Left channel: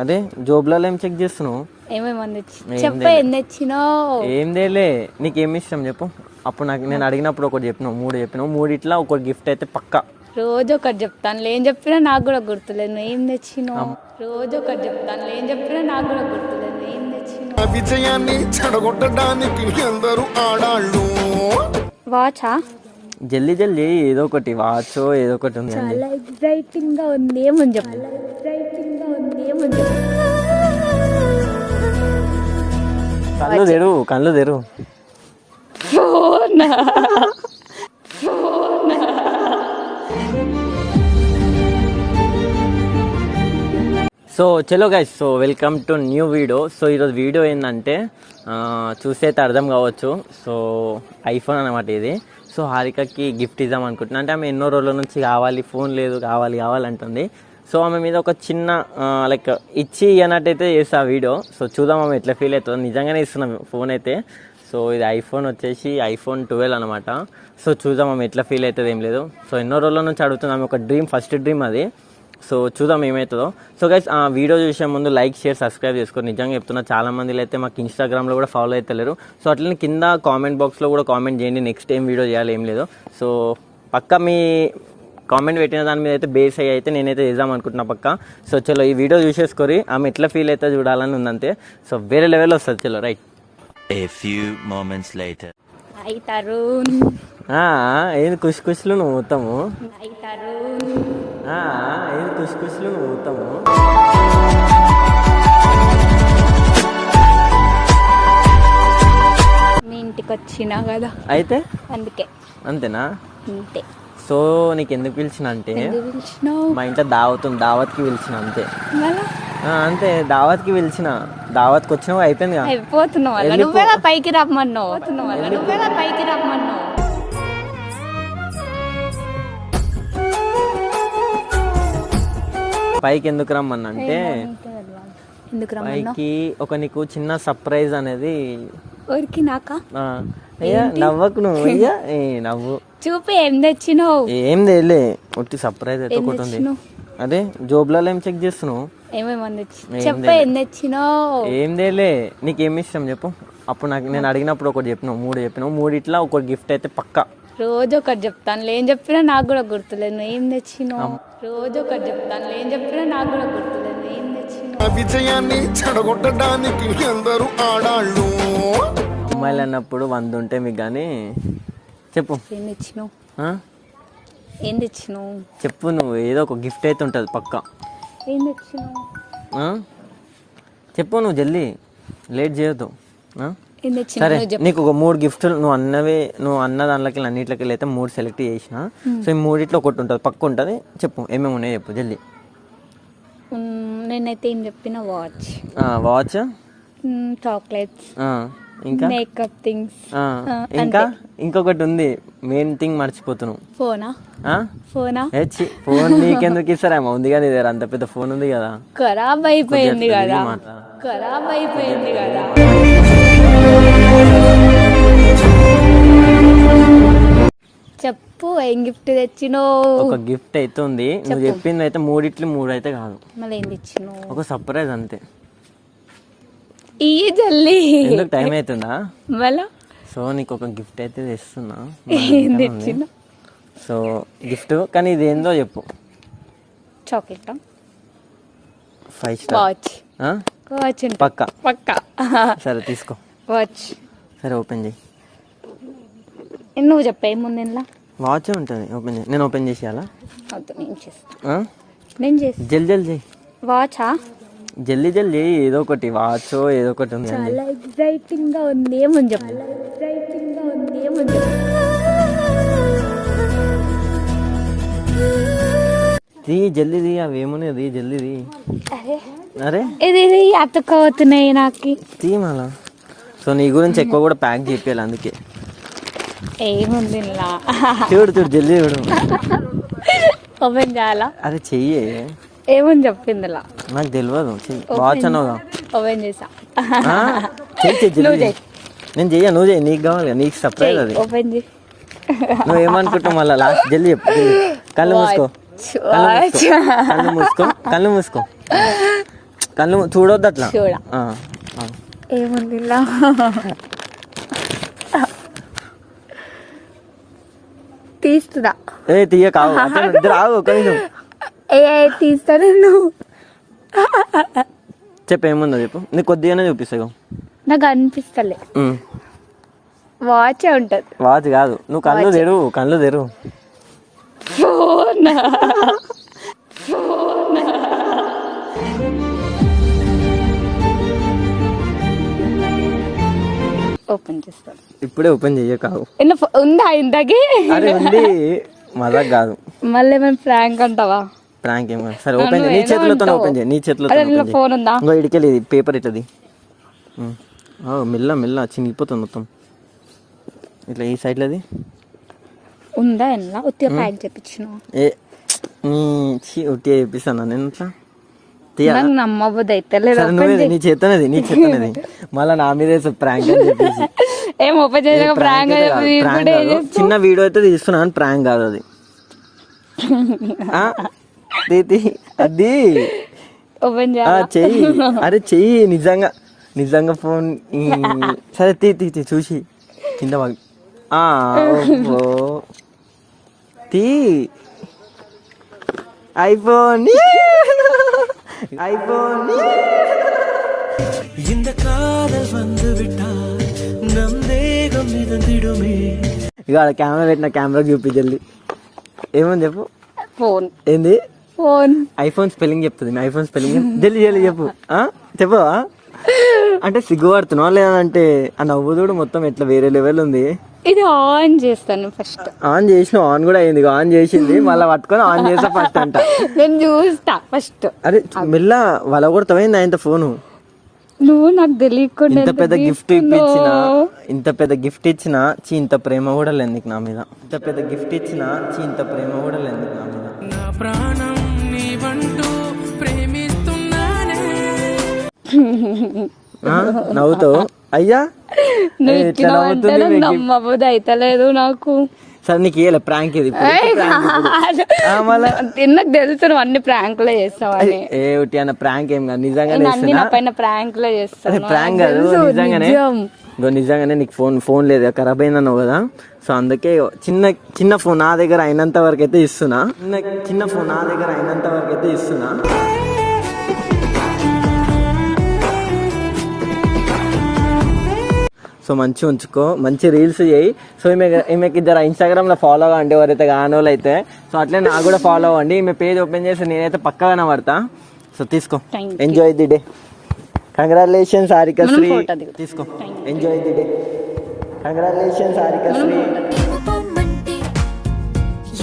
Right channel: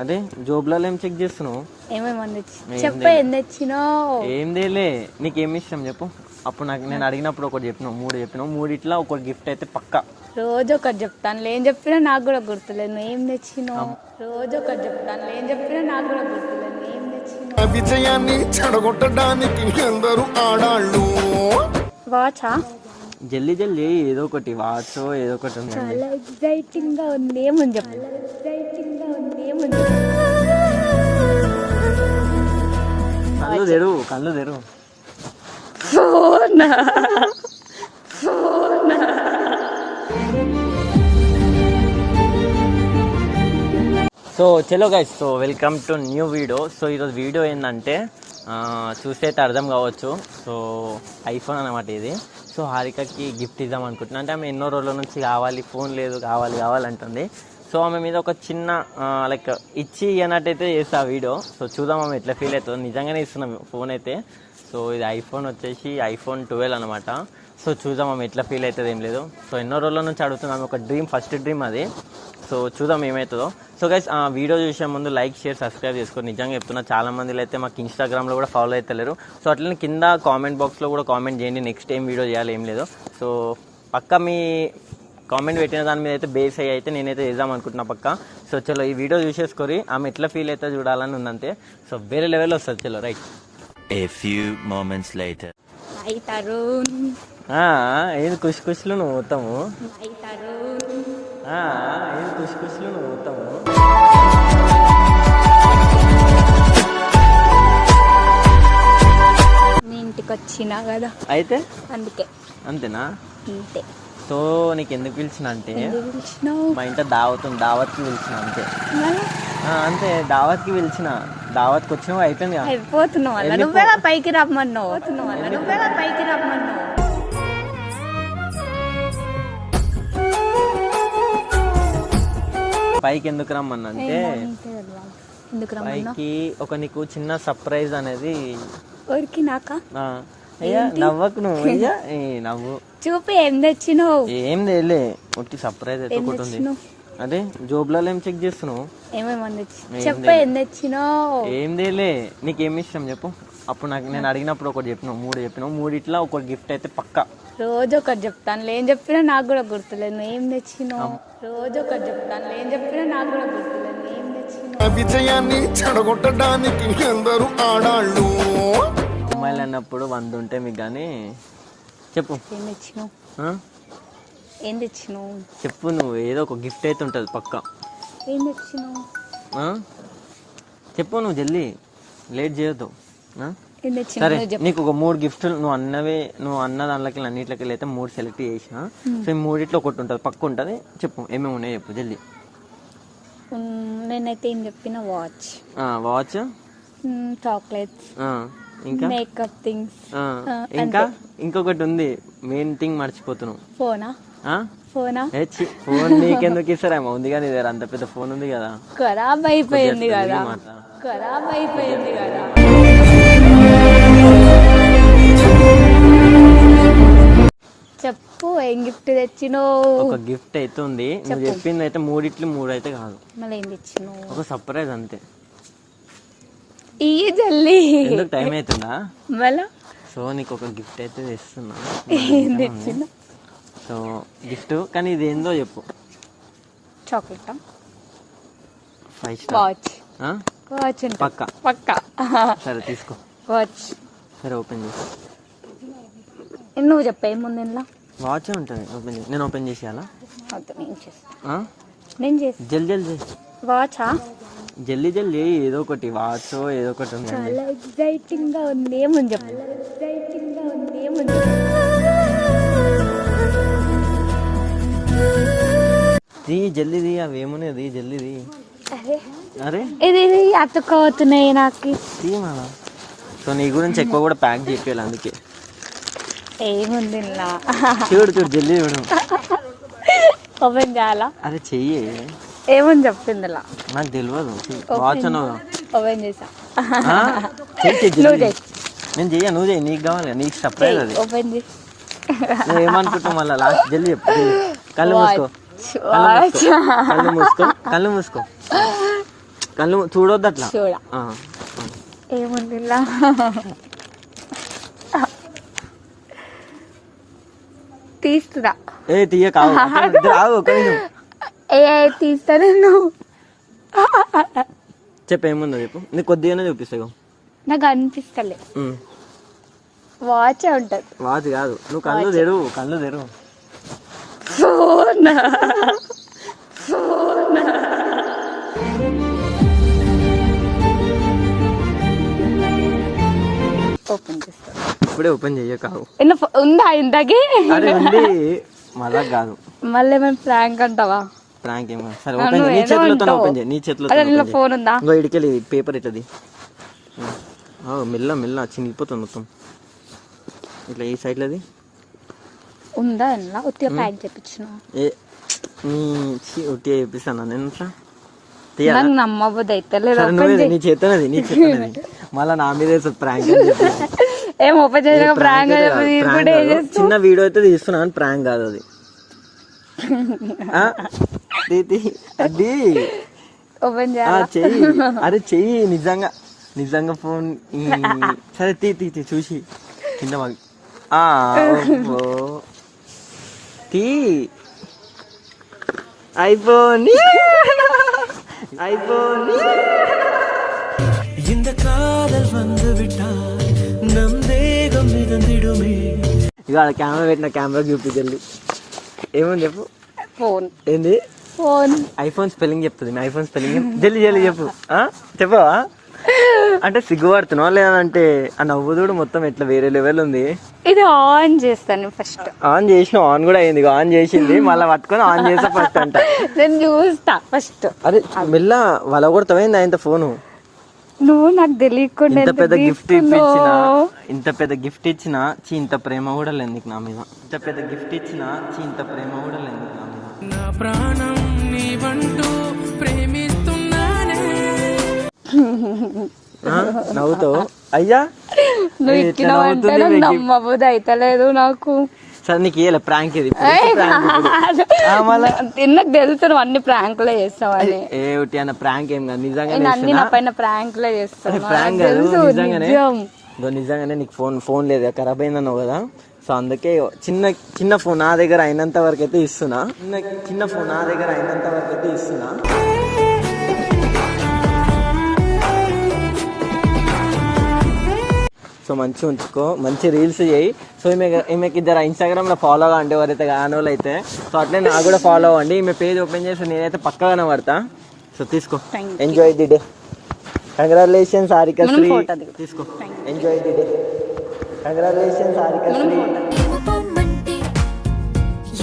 అదే జోబులలో ఏం చెక్ చేస్తున్నావు? ఏం తేలే, నీకేం ఇష్టం చెప్పు. అప్పుడు నేను అడిగినప్పుడు ఒకటి చెప్పినావు, 3 చెప్పినావు. 3 ఇట్లా ఒక గిఫ్ట్ అయితే పక్కా. రోజు ఒకటి చెప్తాను, ఏం చెప్పినా నాకు కూడా గుర్తులేదు. నువ్వు ఏం తెచ్చినావు? రోజు ఒకటి చెప్తాను, ఏం చెప్పినా నాకు కూడా గుర్తులేదు. నువ్వు ఏం తెచ్చినావు? విజయాన్ని చెడగొట్టడానికి అందరూ ఆడాళ్ళు. వాచా? జల్దీ జల్దీ ఏదో ఒకటి, వాచో ఏదో ఒకటి. చాలా ఎక్సైటింగ్ గా ఉంది. ఏమని చెప్పు? కళ్ళు తెరు. సో చలో guys, so welcome to new video. So ఈరోజు వీడియో ఏంటంటే చూస్తే అయితే అర్థం కావచ్చు. సో ఐఫోన్ అనమాట ఇది. సో హారికకి గిఫ్ట్ ఇద్దాం అనుకుంటున్నా. అంటే ఆమె ఎన్నో రోజుల నుంచి కావాలి, ఫోన్ లేదు, కావాలంటుంది. సో ఆమె మీద ఒక చిన్న లైక్ ఇచ్చి అన్నట్టయితే చేస్తా వీడియో. సో చూద్దాం ఆమె ఎట్లా ఫీల్ అవుతుందో. నిజంగానే ఇస్తున్నాం ఫోన్ అయితే. సో ఇది ఐఫోన్ వచ్చేసి ఐఫోన్ 12 అనమాట. సో చూద్దాం ఆమె ఎట్లా ఫీల్ అవుతుంది, ఏం లేదు. సో ఎన్నో రోజుల నుంచి అడుగుతున్నాం, ఒక డ్రీమ్, ఫస్ట్ డ్రీమ్ అది. సో చూద్దాం ఏమవుతుందో. సో గైస్ ఆ వీడియో చూసే ముందు లైక్, షేర్, సబ్స్క్రైబ్ చేసుకోండి. నిజంగా చెప్తున్నా, చాలా మందిలో అయితే మాకు ఇన్స్టాగ్రామ్లో కూడా ఫాలో అవుతలేరు. సో అట్లనే కింద కామెంట్ బాక్స్లో కూడా కామెంట్ చేయండి, నెక్స్ట్ ఏం వీడియో చేయాలి, ఏం లేదు. సో పక్కా మీ కామెంట్ పెట్టిన దాని మీద అయితే బేస్ అయ్యి అయితే నేనైతే చేద్దాం అనుకుంటున్నా పక్కా. సో చలో ఈ వీడియో చూసేసుకొని ఆమె ఎట్లా ఫీల్ అయితే చూడాలని ఉందంతే. సో వేరే లెవెల్ వస్తుంది. చలో right. A few moments later. Hi Tarun. ఏది ఖుషి ఖుషిలో నువ్వు పోతాము. హాయ్ తరుణ్. ఏది ఖుషి ఖుషిలో నువ్వు పోతాము. మీ ఇంటికి వచ్చినా కదా అయితే అందుకే. అంతేనా? అంతే. సో నీకు ఎందుకు పిలిచిన అంటే మా ఇంట్లో దావత్కి పిలిచిన అంతే. అంతే, దావత్కి పిలిచిన. దావత్కి వచ్చినావు, అయిపోయింది. అయిపోతున్నావు, నువ్వేగా పైకి రమ్మన్నావు. పైకి ఎందుకు రమ్మన్నా అంటే పైకి ఒక నీకు చిన్న సర్ప్రైజ్ అనేది. అయ్యా నవ్వకు నువ్వు, అయ్యా నవ్వు. చూపి ఏం తెచ్చినావు? ఏం తెలే, ఒట్టి సర్ప్రైజ్ అయితే ఒకటి ఉంది. అదే జోబులలో ఏం చెక్ చేస్తున్నావు? ఏం తెలే, నీకేం ఇష్టం చెప్పు. అప్పుడు నేను అడిగినప్పుడు ఒకటి చెప్పినావు, 3 చెప్పినావు. 3 ఇట్లా ఒక గిఫ్ట్ అయితే పక్కా. రోజు ఒకటి చెప్తాను, ఏం చెప్పినా నాకు కూడా గుర్తులేదు. నువ్వు ఏం తెచ్చినావు? రోజు ఒకటి చెప్తాను, ఏం చెప్పినా నాకు కూడా గుర్తులేదు. నువ్వు ఏం తెచ్చినావు? విజయాన్ని చెడగొట్టడానికి అందరూ ఆడాళ్ళు. అమ్మాయిలు అన్నప్పుడు 100 ఉంటే మీకు కానీ చెప్పు. ఏం తెచ్చినావు? చెప్పు నువ్వు. ఏదో ఒక గిఫ్ట్ అయితే ఉంటుంది పక్కా. ఏం తెచ్చినావు? చెప్పు నువ్వు, జల్దీ, లేట్ చేయొద్దు. సరే, నీకు ఒక 3 గిఫ్ట్లు నువ్వు అన్న దాంట్లోకి అన్నింటికి అయితే 3 సెలెక్ట్ చేసిన. సో ఈ 3 ఒకటి ఉంటుంది పక్క ఉంటుంది. చెప్పు ఏమేమి ఉన్నాయి చెప్పు జల్దీ. నేనైతే ఏం చెప్పిన వాచ్, చాక్లెట్స్, ఇంకా మేకప్ థింగ్స్, ఇంకా ఇంకొకటి ఉంది, మెయిన్ థింగ్ మర్చిపోతున్నావు. ఫోన్ నీకెందుకు ఇస్తారేమో, ఉంది కదా ఇదే, అంత పెద్ద ఫోన్ ఉంది కదా. ఖరాబ్ అయిపోయింది కదా. చెప్పు ఏం గిఫ్ట్ తెచ్చినావు? ఒక గిఫ్ట్ అయితే ఉంది, నువ్వు చెప్పింది అయితే 3 అయితే కాదు. మళ్ళీ ఏం తెచ్చినావు? ఒక సర్ప్రైజ్ అంతే. ఈ జల్లి ఎందుకు టైం అవుతుందా? మళ్ళా సో నీకు ఒక గిఫ్ట్ అయితే తెస్తున్నా. ఏం తెచ్చినా? సో గిఫ్ట్, కానీ ఇది ఏందో చెప్పు. చాక్లెట్, 5 స్టార్ వాచ్ పక్కా. సరే తీసుకో వాచ్. సరే ఓపెన్ చేసి నువ్వు చెప్పే ముందు ఇంట్లో వాచ్ ఉంటుంది. నేను ఓపెన్ చేసేయాలా? నేను చేసి జల్దీ వాచా? జల్దీ ఏదో ఒకటి, వాచో ఏదో ఒకటి ఉంది. చాలా ఎక్సైటింగ్ గా ఉంది. ఏమని చెప్పు? జల్దీ అవి ఏమున్నది, జల్దీ. అరే ఇది అతుక్కపోతున్నాయి నాకు. మళ్ళా. సో నీ గురించి ఎక్కువ కూడా ప్యాక్ చెప్పాలి, అందుకే. ఏముంది చూడు జల్దీ చూడు. ఓపెన్ చేయాలా? అరే చెయ్యి. ఏమని చెప్పింది? నాకు తెలియదు. వాచ్ అన్నావు. ఓపెన్ చేసా. నేను చెయ్య, నువ్వు చెయ్యి, నీకు కావాలి, నీకు సర్ప్రైజ్ అది. ఓపెన్ చేసి నువ్వు ఏమనుకుంటావు మళ్ళీ లాస్ట్. జల్దీ చెప్పు. కళ్ళు మూసుకో. కళ్ళు చూడొద్దు అట్లా చూడ ఆ, ఆ. ఏముంది తీస్తున్నా ఏ తీయ కావు అట్లా వద్దు, రావు ఒక నిమిషం. ఏ తీస్తా నేను చెప్పు ఏముందో చెప్పు నీకు కొద్దిగానే చూపిస్తావు. నాకు అనిపిస్తలే వాచే ఉంటది వాచ్ కాదు నువ్వు కళ్ళు తెరువు కళ్ళు తెరువు. ఫోన్ ఓపెన్ చేస్తా ఇప్పుడే ఓపెన్ చెయ్య కావు. ఉందా ఇంతకీ అరే ఉంది మజాక్ కాదు. మళ్ళీ ఏమైనా ప్రాంక్ అంటావా? ప్రాంక్ ఏం కాదు. సరే ఓపెన్ చేయి నీ చేతులతో ఓపెన్ చేయి నీ చేతులతో అరే open నీలో చేయి. ఫోన్ ఉందా? ఇంకో ఇడికెళ్ళి ఇది పేపర్ ఇట్లది మెల్ల మెల్ల చినిగిపోతుంది మొత్తం ఇట్లా ఈ సైడ్లది ఉందా ఎలా ఉత్తిగా ప్యాక్ చేపించిన ఏ నీ ఉట్టి చేపిస్తాను నేను ఇట్లా తీయాలా? నాకు నమ్మబుద్ధి అయితే లేదు. సరే నువ్వే నీ చేతున్నది నీ చేతున్నది మళ్ళీ నా మీద ప్రాంక్ అని చెప్పేసి. ఏం ఓపెన్ చేసాక ప్రాంక్ Prank కాదు. చిన్న వీడియో అయితే తీస్తున్నాను ప్రాంక్ కాదు అది. ఆ? తీ. అది ఓపెన్ ఆ, చేయాలా? చెయ్యి అరే చెయ్యి నిజంగా ఫోన్ సరే తీ చూసి కింద వాగి. ఆ, ఓహో. తీ ఐఫోన్ இந்த காதல் வந்து விட்டால் நம் தேகம் மிதந்திடுமே. ఇక కెమెరా పెట్టిన కెమెరా చూపించండి ఏమని చెప్పు. ఫోన్ ఏంది ఫోన్ ఐఫోన్ స్పెల్లింగ్ చెప్తుంది మీ ఐఫోన్ స్పెల్లింగ్ జల్లి చెప్పు. చెప్పవా అంటే సిగ్గుపడుతున్నావు లేదంటే ఆ నవ్వుదోడు మొత్తం ఎట్లా వేరే లెవెల్ ఉంది. ఇది ఆన్ చేస్తాను ఫస్ట్. ఆన్ చేసిన ఆన్ కూడా అయింది ఆన్ చేసింది మళ్ళీ పట్టుకొని ఆన్ చేసా ఫస్ట్ అంట. నేను చూస్తా ఫస్ట్. అరే మెల్ల వల కొడతావేంది ఆయన ఫోను. నువ్వు నాకు తెలియకుండా ఇంత ఎంత పెద్ద గిఫ్ట్ ఇచ్చిన తీసుకున్నావు. ఇంత పెద్ద గిఫ్ట్ ఇచ్చిన ఇంత ప్రేమ కూడా లేదు నీకు నా మీద. ఇంత పెద్ద గిఫ్ట్ ఇచ్చిన ఇంత ప్రేమ కూడా లేదు నీకు నా మీద. నా ప్రాణం నీవంటూ ప్రేమిస్తున్నానే. నవ్వుతావు అయ్యా నువ్వు ఇట్లా ఇచ్చిన నవ్వుతుంది అంటే మీకు. నమ్మబుద్ధి అయితే లేదు నాకు. సరే నీకు ఏ ప్రాంక్ ఇది ఇప్పుడు. మళ్ళా నాకు తెలుసు నువ్వు అన్ని ప్రాంకులే చేస్తావని. ఏ ఒకటి అన్న ప్రాంక్ ఏం కాదు నిజంగానే నేను అన్ని నా ఇస్తున్నా. పైన ప్రాంకులే చేస్తాను. ప్రాంక్ కాదు నిజంగానే నీకు ఫోన్ లేదు ఖరాబ్ అయిందన్నావు కదా సో అందుకే చిన్న ఫోన్ నా దగ్గర అయినంత వరకు అయితే ఇస్తున్నా. చిన్న ఫోన్ నా దగ్గర అయినంత వరకు అయితే ఇస్తున్నా. సో మంచిగా ఉంచుకో మంచి రీల్స్ చేయి. సో ఈమెకి ఇద్దరు ఇన్స్టాగ్రామ్ లో ఫాలో అంటే ఎవరైతే కాని వాళ్ళు అయితే సో అట్లే నాకు కూడా ఫాలో అవ్వండి. ఈమె పేజ్ ఓపెన్ చేసి నేనైతే పక్కగా కనబడతా. సో తీసుకో ఎంజాయ్ ది డే. కంగ్రాచులేషన్స్ హారికశ్రీ తీసుకో ఎంజాయ్ ది డే. కంగ్రాచులేషన్స్ హారికశ్రీ. పొమ్మంటే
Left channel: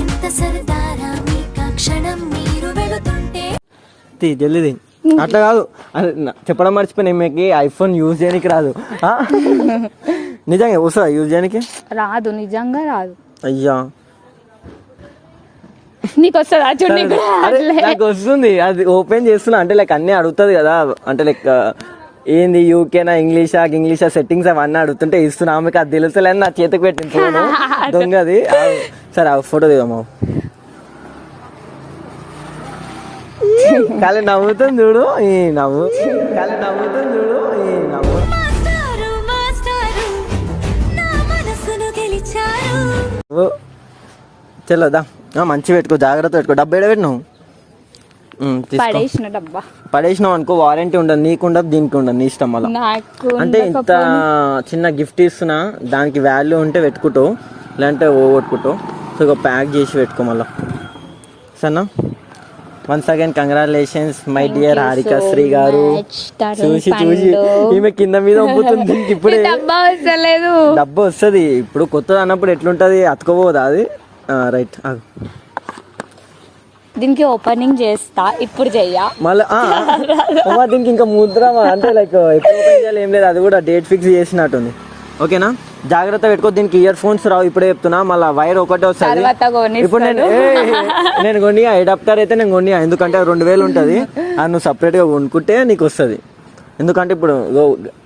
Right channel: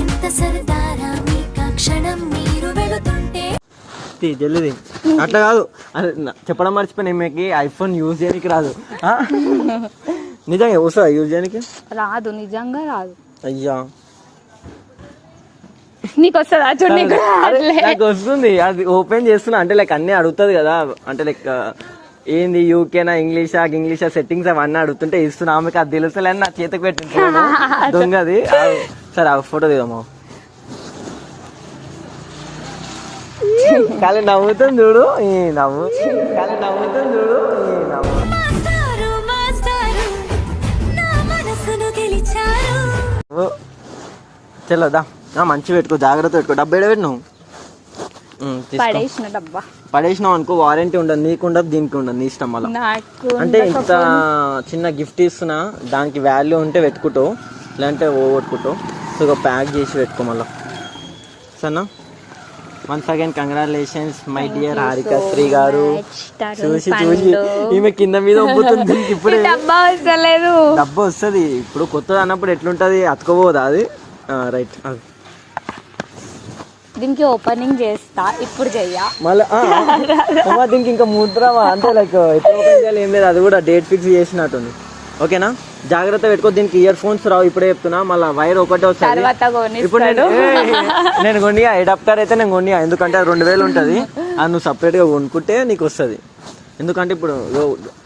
ఎంత సరదారా మీకా క్షణం మీరు వెళుతుంటే జల్ది అట్లా కాదు చెప్పడం మర్చిపోయిన ఈమెకి ఐఫోన్ యూజ్ చేయడానికి రాదు. నిజంగా వస్తుందా యూజ్ చేయడానికి? రాదు నిజంగా రాదు. అయ్యా నీకు వస్తుందా చూడండి. నాకు వస్తుంది అది ఓపెన్ చేస్తున్నా అంటే లైక్ అన్ని అడుగుతుంది కదా అంటే లైక్ ఏంది యూకేనా ఇంగ్లీషా సెట్టింగ్స్ అవన్నీ అడుగుతుంటే ఇస్తున్నా. ఆమెకి అది తెలుసలేని నా చేతికి పెట్టింది ఫోన్ దొంగది. సరే ఆ ఫోటో దిగమ్మా. కాలి నవ్వుతుంది చూడు ఈ నవ్వు కాలి నవ్వుతుంది చూడు ఈ నవ్వు. మాస్టారు మాస్టారు నా మనసును గెలిచారు. చెల్లదా మంచి పెట్టుకో జాగ్రత్త పెట్టుకో. డబ్బు ఏడబెట్టి నువ్వు పడేసిన డబ్బా పడేసినావు అనుకో వారంటీ ఉండదు నీకు ఉండదు దీనికి ఉండదు నీ ఇష్టం. వల్ల నాకు అంటే ఇంత చిన్న గిఫ్ట్ ఇస్తున్నా దానికి వాల్యూ ఉంటే పెట్టుకుంటావు లేదంటే ఓగొట్టుకుంటావు. సో ఇక ప్యాక్ చేసి పెట్టుకో మళ్ళా సరేనా. Once again congratulations my dear Harikasri garu. చూసి ఈమె కింద మీద ఒప్పుతుంది. ఇప్పుడే డబ్బా వస్తలేదు. డబ్బా వస్తుంది ఇప్పుడు కొత్తది అన్నప్పుడు ఎట్లుంటది అతుకోపోదా అది. రైట్ దీనికి ఓపెనింగ్ చేస్తా ఇప్పుడు చెయ్యా మళ్ళీ దీనికి ఇంకా ముద్రమా అంటే లైక్ ఎప్పుడు ఓపెన్ చేయాలి ఏం లేదు అది కూడా డేట్ ఫిక్స్ చేసినట్టుంది. ఓకేనా జాగ్రత్త పెట్టుకో. దీనికి ఇయర్ ఫోన్స్ రావు ఇప్పుడే చెప్తున్నా. మళ్ళీ వైర్ ఒకటే వస్తుంది. ఇప్పుడు నేను కొన్ని అడాప్టర్ అయితే నేను కొన్ని ఎందుకంటే 2000 ఉంటుంది అది నువ్వు సపరేట్ గా కొనుక్కుంటే నీకు వస్తుంది. ఎందుకంటే ఇప్పుడు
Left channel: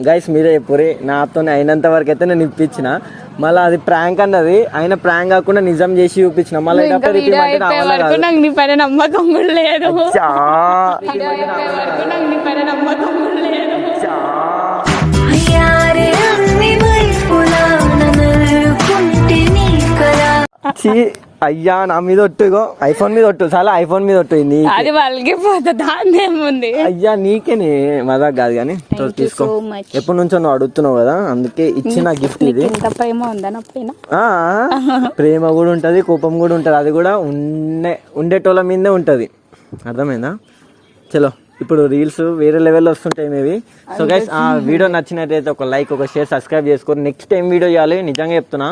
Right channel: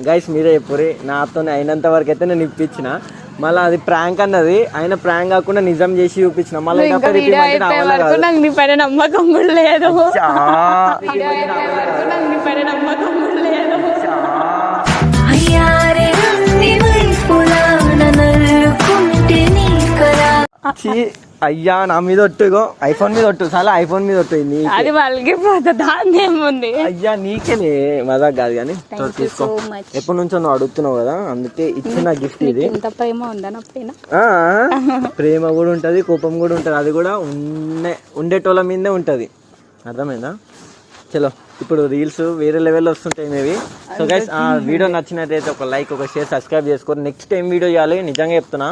గైస్ మీరే చెప్పురి నాతో అయినంత వరకు అయితే నేను ఇప్పించిన. మళ్ళీ అది ప్రాంక్ అన్నది అయినా ప్రాంక్ కాకుండా నిజం చేసి చూపించిన. మళ్ళీ నమ్మకం కూడా లేదు. అయ్యా నా మీద ఒట్టుగో ఐఫోన్ మీద ఒట్టు చాలా ఐఫోన్ మీద ఒట్టు నీ అది వాళ్ళకి పోతే దాన్ని ఏముంది. అయ్యా నీకేనే మజాక్ కాదు కానీ తీసుకో. so much. ఎప్పటి నుంచో నువ్వు అడుగుతున్నావు కదా, అందుకే ఇచ్చిన గిఫ్ట్ ఇది. ఇంత ప్రేమ ఉందా నా పైన? ప్రేమ కూడా ఉంటది, కోపం కూడా ఉంటది. అది కూడా ఉండేటోళ్ళ మీదే ఉంటది. అర్థమైందా? చలో ఇప్పుడు రీల్స్ వేరే లెవెల్లో వస్తుంటాయి మేబీ. సో గైస్ ఆ వీడియో నచ్చినట్టయితే ఒక లైక్, ఒక షేర్, సబ్స్క్రైబ్ చేసుకోండి. నెక్స్ట్ టైం వీడియో చేయాలి, నిజంగా చెప్తున్నా.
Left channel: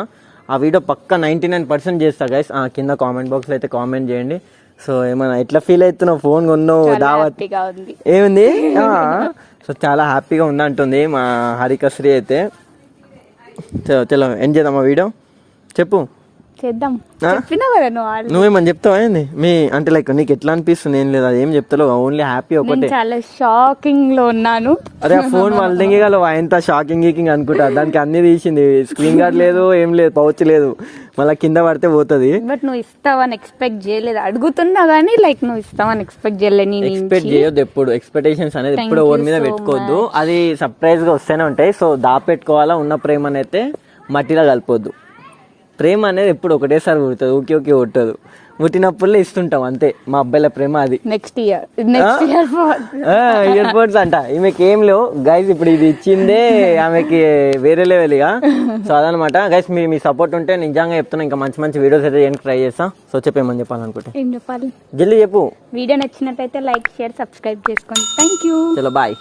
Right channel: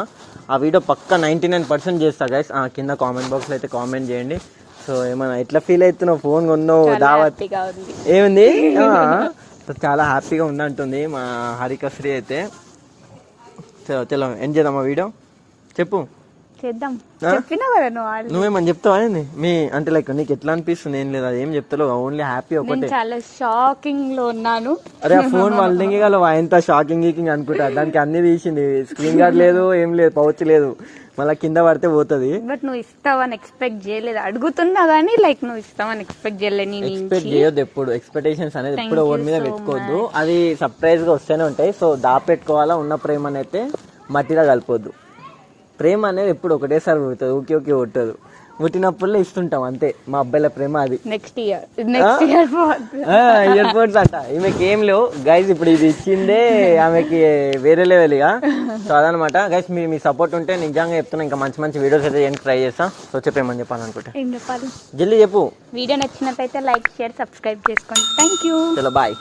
ఆ వీడియో పక్కా 99% చేస్తా గైస్. కింద కామెంట్ బాక్స్లో అయితే కామెంట్ చేయండి. సో ఏమన్నా ఎట్లా ఫీల్ అవుతున్నావు? ఫోన్ కొన్నావు, దావత్ ఏముంది? సో చాలా హ్యాపీగా ఉందంటుంది మా హారికశ్రీ అయితే. చలో ఎండ్ చేద్దాం ఆ వీడియో. చెప్పు, చేద్దాం. చెప్పినా కదా నువ్వేమని చెప్తావా ఏంది? మీ అంటే లైక్ నీకు ఎట్లా అనిపిస్తుంది? ఏం లేదు, అది ఏం చెప్తావు, ఓన్లీ హ్యాపీ ఒకటే. చాలా షాకింగ్ లో ఉన్నాను. అరే ఆ ఫోన్ వాళ్ళ దిగలవు ఎంత షాకింగ్ గీకింగ్ అనుకుంటా. దానికి అన్ని తీసింది, స్క్రీన్ గార్డ్ లేదు, ఏం లేదు, పౌచ్ లేదు, మళ్ళీ కింద పడితే పోతుంది. బట్ నువ్వు ఇస్తావని ఎక్స్పెక్ట్ చేయలేదు. అడుగుతున్నా గానీ లైక్ నువ్వు ఇస్తావని ఎక్స్పెక్ట్ చేయలేదు. ఎక్స్పెక్ట్ చేయొద్దు ఎప్పుడు. ఎక్స్పెక్టేషన్స్ అనేది ఎప్పుడు ఎవరి మీద పెట్టుకోవద్దు. అది సర్ప్రైజ్ గా వస్తూనే ఉంటాయి. సో దాపెట్టుకోవాలా. ఉన్న ప్రేమ అయితే మట్టిలో కలిపొద్దు. ప్రేమ అనేది ఎప్పుడు ఒకటేసారి పుడుతుంది, ఊకే ఊకే పుట్టదు. పుట్టినప్పుడే ఇస్తుంటాం అంతే. మా అబ్బాయిల ప్రేమ అది. నెక్స్ట్ ఇయర్ ఇయర్ పోర్ట్స్ అంట. ఈమెకి ఏం లేవు గైస్, ఇప్పుడు ఇది ఇచ్చిందే ఆమెకి వేరే లెవెల్ ఇక. సో అదనమాట గైస్. మీ సపోర్ట్ ఉంటే నిజంగా చెప్తున్నా ఇంకా మంచి మంచి వీడియోస్ అయితే ఏం ట్రై చేస్తాం. సో చెప్పేమని చెప్పాలనుకుంటే ఏం చెప్పాలి? జల్దీ చెప్పు. వీడియో నచ్చినట్లయితే లైక్, షేర్, సబ్స్క్రైబ్ చేసుకోండి. Thank you. చలో బాయ్.